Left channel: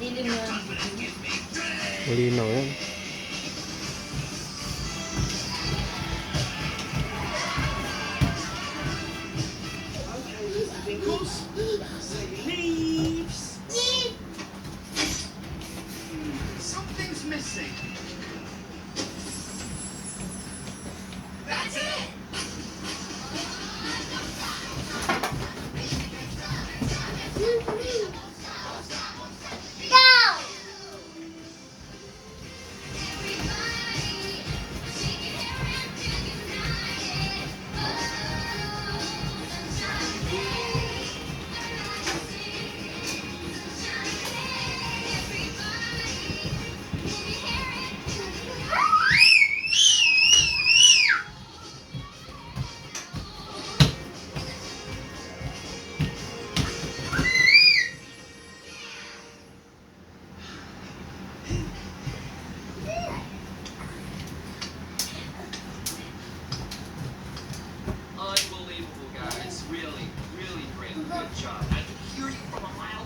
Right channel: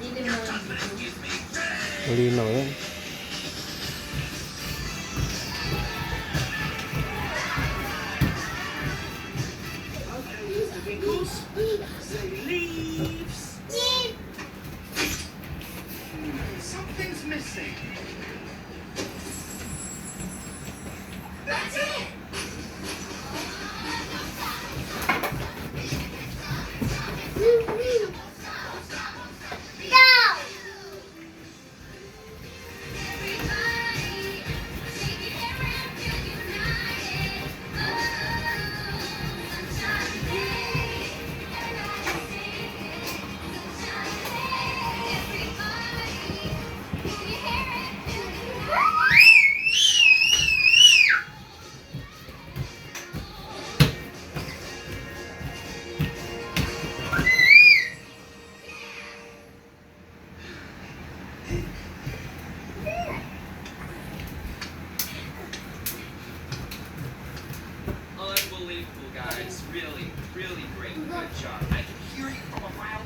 Dilim na. Malinaw yan. Something's missing. That's it. Unbelievable, guys. Really, really great. Good job. I can hear you from